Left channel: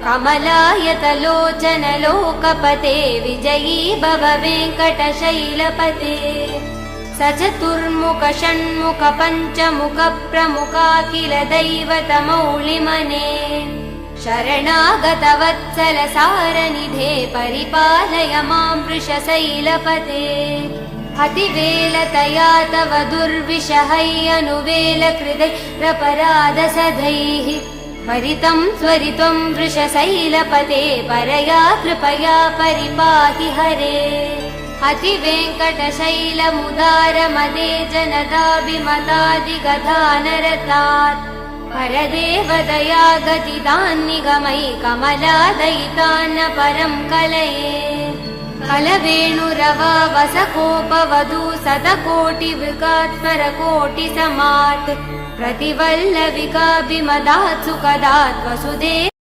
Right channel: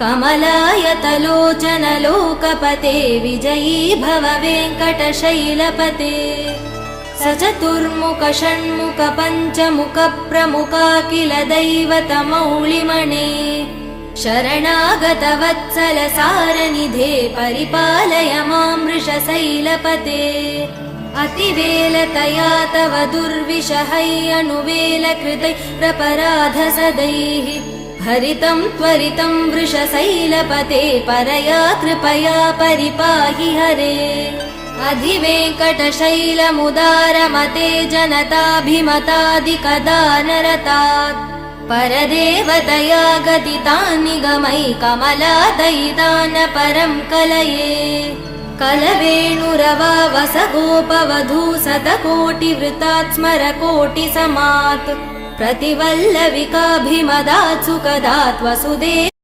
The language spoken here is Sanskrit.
कमलायतलोचन लोकपते विजयी भव वेङ्कटशैलपते सचतुर्मुख षण्मुख पञ्चमुख प्रमुखाखिल दैवतमौलिमणे शरणागत वत्सल सारनिधे परिपालय मां वृषशैलपते अतिवेलतया तव दुर्विषहै अनुवेल कृदै प्रपराध सदैः हरितं त्वरितं वृषशैलपते परया कृपया परिपाहि हरे अधिवेङ्कटशैलमुदारमते जनताभिमतादिकदानरतात् परदेवदया गदितान् निगमै कमलादयितान् परं कलये कलवेणुरवा वसगोपवधू शतकोटिवृतात् स्मरकोटिसमात् प्रतिवल्लविकाभिमदात् सुखदात् वसुदेव